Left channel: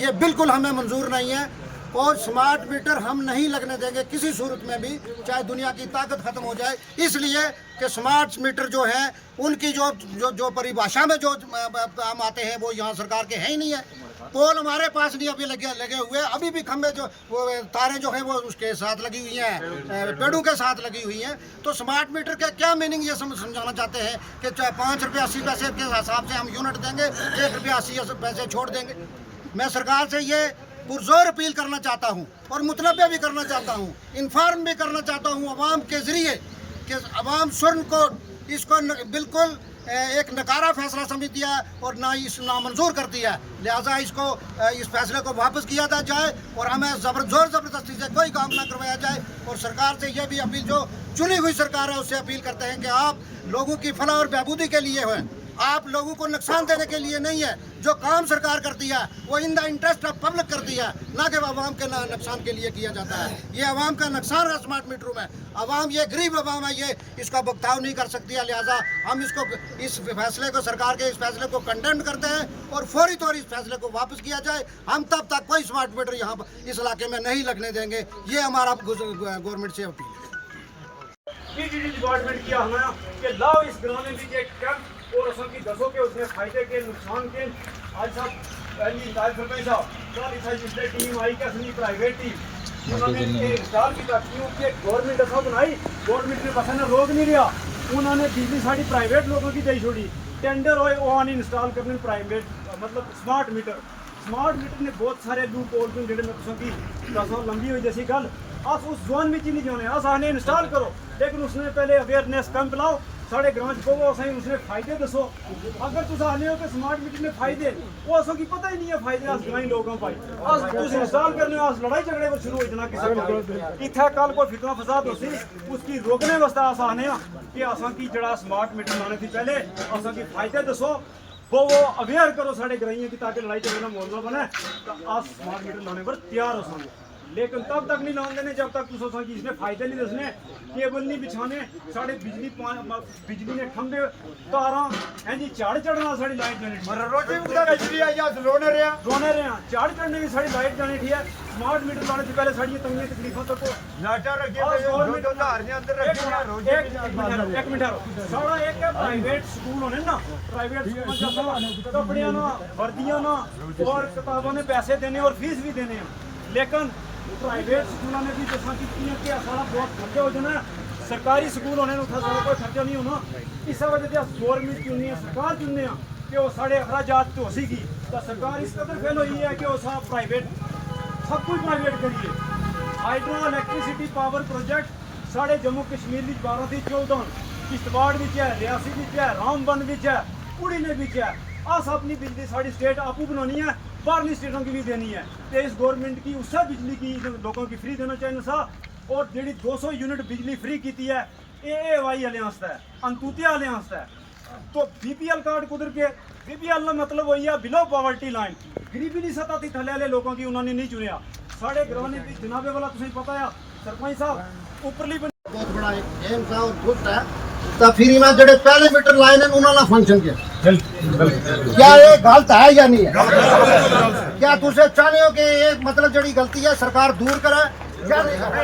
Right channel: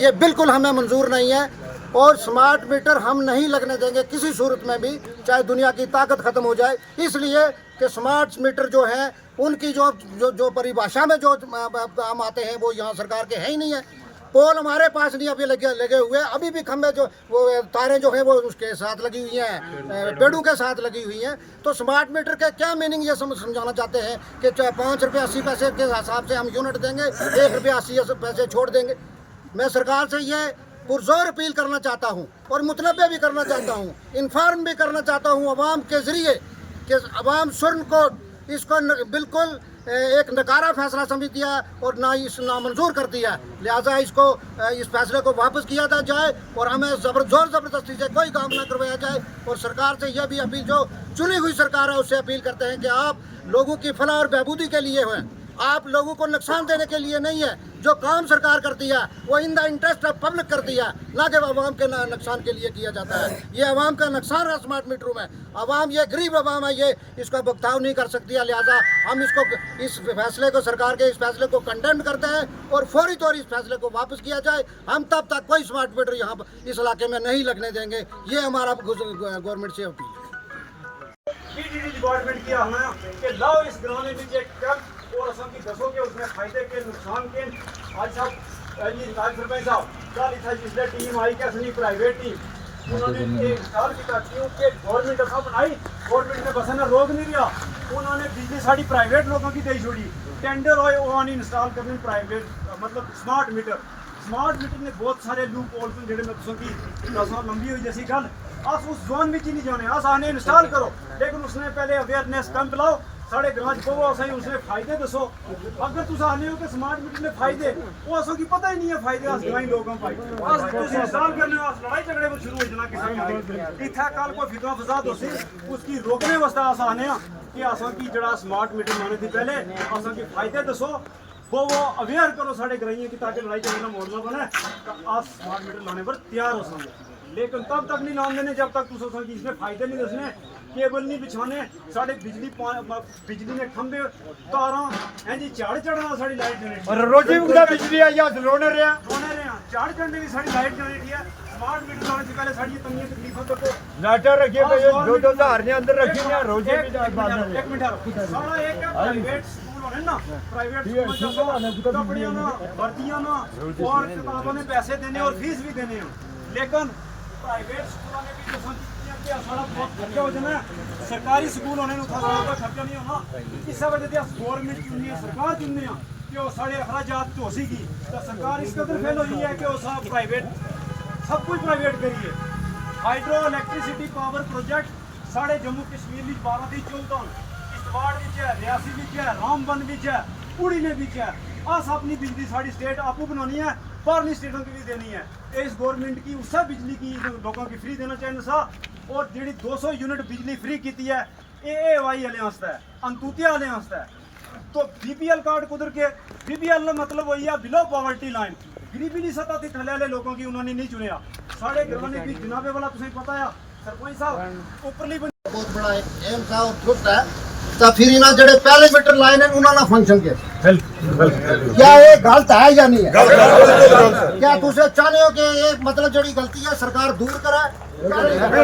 ये बिल्कुल हमें मंजूर नहीं है और स्मार्ट मीटर हम नहीं लगने देंगे किसी सूरत में भी, चाहे दुनिया की ताकत खत्म हो जाए। इसलिए कि स्मार्ट मीटर जो हैं उनकी जो जो जो परिभाषा में जो हम आते हैं वो यहाँ सरकार के हैं ही नहीं है। पोल हमारे पास नहीं अभी लगे हुए, अभी भी खंभे जो वो तारें जो हैं वो उसके साथ लगी हुई हैं, पेड़ों के साथ लगी हुई हैं। तो स्मार्ट मीटर का क्या मीनिंग ये समझाना चाहते हैं कि 5 रुपये 80 पैसे के हिसाब से हम यूनिट देंगे, 1 रुपया 80 पैसे छोड़ देंगे। मैं सरकार से ये पुरजोर अपील करना चाहता हूँ और मुतनबे भी करना चाहता हूँ, इन्फॉर्म भी करना चाहता हूँ अवाम के ज़रिए कि अवाम स्वर्ण कोड इसको बिल्कुल एक नकारा फैसला समझती है और नामंजूर करती है। लिहाजा इसको इस फैसले को वापस किया जाए और हमें ज़बरदस्ती से कोई काम ना करवाया जाए। और सरकार से यह भी अपील, जो चुनी हुई सरकार है उससे अपील करते हैं कि आप लोगों की फलाह और बहबूदी के लिए हैं, आप लोगों को नुकसान देने के लिए नहीं है। जो काम सरकार करती है वो in the interest of public करती है, ना कि आवाम के नुकसान के लिए किया जाता है। ये आवाम का नुकसान है स्मार्ट मीटरों में। आवाम ये गरीब आवाम है, ये इसका भुगतान नहीं कर सकती है। लिहाजा हम इस फैसले को, सरकार के इस फैसले को कंडेम करते हैं और फौरी तौर इस फैसले को वापस किया जाए। हम तब तक कोई स्मार्ट मीटर यहाँ इस इलाके में नहीं लगने देंगे। ये हमारा गवर्नमेंट से अपील है। डिपार्टमेंट किया हमें कि लाओ इस ग्राम में भी कैंप और असम की दसों के उसमें फायदे के नुकसान के। आज साहब सरपंच साहब कल इतना जिसने टीम आई क्या सुनी प्राइवेट टीम उन्होंने इंस्टॉल किया, क्योंकि गवर्नमेंट असा बनाई, गवर्नमेंट ने बस ना रोक नहीं रहा, उन्होंने बिजली साड़ी प्राइवेट लोगों की दई छोड़ी। टेंडर होए वो इंस्टॉल करने प्राइवेट मतलब स्मार्ट मीटर ने बहुत सारे लूप होल जेडे मैं तुम की दसों लंबी हुई जैसी गल अस उस जोन में ही नहीं जाने, अस आने इंस्टॉल करो, लेकिन उसने पहले अवेयरनेस कैंप लाओ साढ़े ग्रां च पवो, असें उसने फायदे दसो। अगर तुम आने हो तो स्मार्ट मीटर ने फायदे वो असों की पता ही नहीं है फायदे, अस ग्रामीण लोगों पाई अस इंस्टॉल करने अस लड़ाई झगड़े में शुरू हो जाना किसी इत्थे कल कोई फितना फसाद होसी उसकी रोकने वास्ते अस आने कि असां की जड़ा स्मार्ट मीटर लाने थी पहले असां की फायदे दसो, वो अवेयर करो साढ़े ग्राइयों की, ताकि लड़ाई झगड़े का माहौल ना बने। तो अस स्मार्ट मीटर लाने पर तैयार हो सकें, लेकिन तब तक नहीं लाने देने जब तक तुम इसमें फायदे नहीं दसने, केबल नहीं बिछाने, साढ़े बिजली ने खंबे तारा हैं जी झाड़ चढ़ना, साड़ी लाइट जाने रोजी बिजली आई रोने रहे झाड़ चढ़ने की साड़ी लाइट जाने ठीक है। स्मार्ट मीटर लाने से पहले साड़ी तंगी तकलीफों तो नाटर रखिए अंदर एक मिनट सारा एक प्राइवेट स्कूल होने ना, प्राइवेट स्कूल कपड़ियां ना, वर्दियां ना और किताबों ने पैसे देने और फीस भी देने, लेकिन प्राइवेट स्कूलों ने भी जैसा कि सारा बहुत खर्चा हो जाना, सरकारी स्कूल होने कोई खर्चा नहीं होना। इस वजह से अस गौरमेंट चुनने सरकार चुनने कि वो साढ़े अखराजात तो होगी तो सरकार इस कदर फेल हुई है कि वो सब प्राइवेट सब कुछ प्राइवेट करिए। हाइड्रो इलैक्ट्रिसिटी पावर प्रोजेक्ट साढ़े जम्मू कश्मीर में 12 से 14 किश्तवाड़ है, रियासी है, रामबन है, पुरी ने है। अस अपनी बिजली साड़ी स्टेट आपू बनानी है, बाहरली स्टेटों की भी देनी है। तो इस गवर्नमेंट की उससे बिजली की लोगों की फ्री देना चाहिए सा, और जी 200 यूनिट बिजली फ्री की है AAY वाले वास्ते, अंतुतिया वाले वास्ते। तो BPL कार्ड कुदर के BPL मतलब वही है बिलो पॉवर्टी लाइन, गरीबी की सतह थी थले वाले लोगों की उन्होंने नहीं चुनिया। साढ़े घरवाने की जनाबे वाला तुझे पता है सरपंच साहब उपरली बहुत बड़ा एम था और दुरुस्त है। तो फिर इन्हें जड़े पहले मीटर लाइन है उन्होंने फंक्शन किया, क्या ये गलत है या नहीं है? क्या तुझे चाहते हो कि ये मतलब जड़ी गलती है सरकार दूर करे या नहीं करे?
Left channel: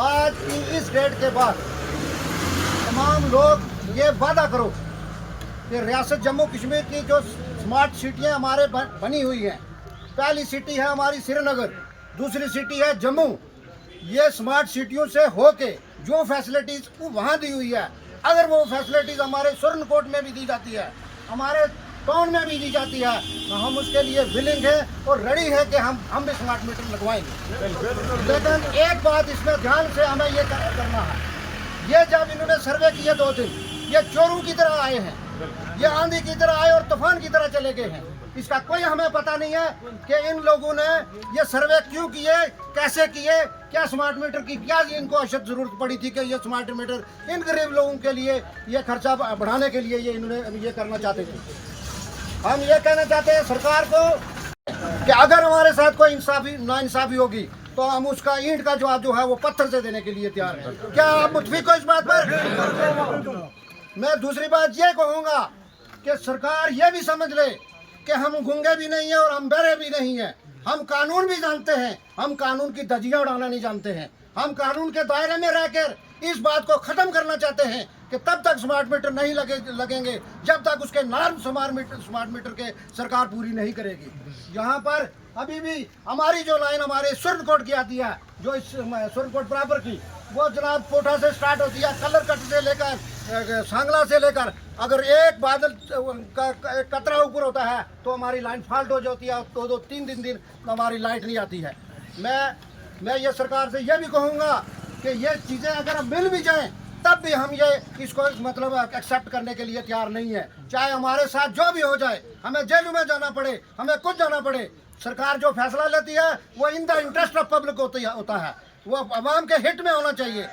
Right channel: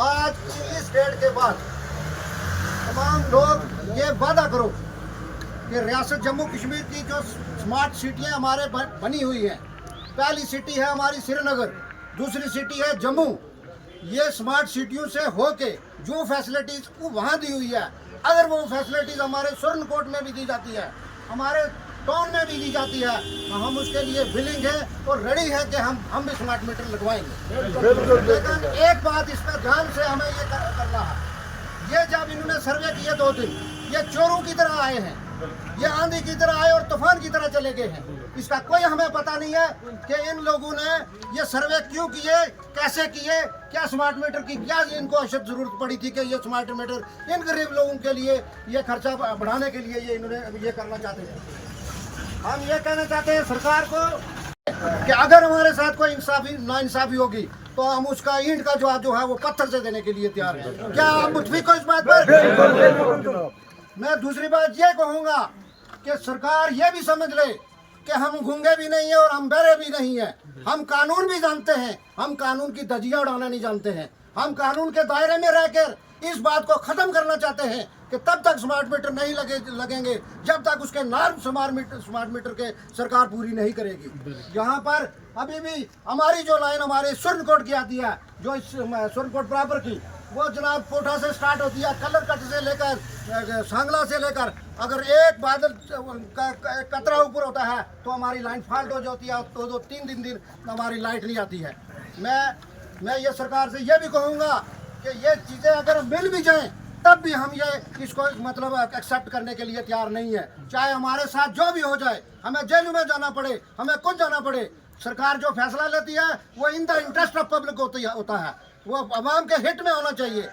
आज इस डेट के बाद तमाम लोग ये वादा करो कि रियासत जम्मू कश्मीर की जो स्मार्ट सिटियाँ हमारे बनी हुई हैं, पहली सिटी है हमारी श्रीनगर, दूसरी सिटी है जम्मू। ये स्मार्ट सिटियों से होके जो फैसिलिटीज़ को वहाँ दी हुई है, अगर वो फैसिलिटीज़ हमारे स्वर्ण कोट में भी दी जाती है, हमारे टाउन में भी दी जाती है, तो हम उसके लिए विलिंग है और रेडी है कि हम भी स्मार्ट मीटर लगवाएंगे। लेकिन एक बात इसमें ध्यान से हमें ये करना है, ये जब इन्होंने सर्वे किए 2 दिन, ये चोरों की तरह आए हैं, ये आंधी की तरह आए और तूफान की तरह चले गए हैं। इसका कोई हमें पता नहीं है कि इन लोगों ने ये सर्वे क्यों किए, कैसे किए, क्या स्मार्ट मीटर की क्या इनको अशद जरूरत पड़ी थी कि ये स्मार्ट मीटर इन गरीब लोगों के लिए ये खर्चा बढ़ाने के लिए ये इन्होंने ये करना चाहते थे। हम ये कहना चाहते हैं सरकार को कि अगर हमारे साथ कोई नाइंसाफी होगी तो हम उसका ईंट का जवाब जो है वो पत्थर से देने के लिए तैयार हैं। क्या आप मुतफिक हो इस बात पर? मैं दूसरी बात ये कहूँगा कि सरकार ये भी समझ ले कि हम गूंगे भी नहीं हैं और हम बहरे भी नहीं हैं। हम कानून भी जानते हैं, हम कानून की धज्जियां उड़ाना नहीं जानते हैं। हम कानून के दायरे में रहकर इस बात को ख़त्म करना चाहते हैं कि तब तक स्मार्ट मीटर नहीं लगेंगे जब तक उसके नॉर्म स्मार्ट मीटर के सरकार पूरी नहीं करेगी। यहाँ पर अभी भी हमारी जो लाइन हमारे सुरनकोट की आती है, जो इस सुरनकोट बराबर की, वो जनाब कोठा से स्टार्ट होती है, कलर कट से लेकर सांगला से लेकर, अगर एक बादल का कतरा ऊपर होता है तो हमारी लाइन फॉल्ट हो जाती है, तो 2-3 दिन हमारी लाइट नहीं आती है। मैं ये सरकार से ये भी कहूँगा कि ये चीज़ें अगर मिल भी जाएं तब भी हम ये इसको मतलब एक्सेप्ट करने के लिए तैयार नहीं है। चाहे हमारे साथ जो भी हो जाए, हमें जेल में जाना पड़े, हमें कुछ जाना पड़े, सरकार जो फैसला लेती है वो in the interest of public होता है, वो आवाम के हित में होना चाहिए।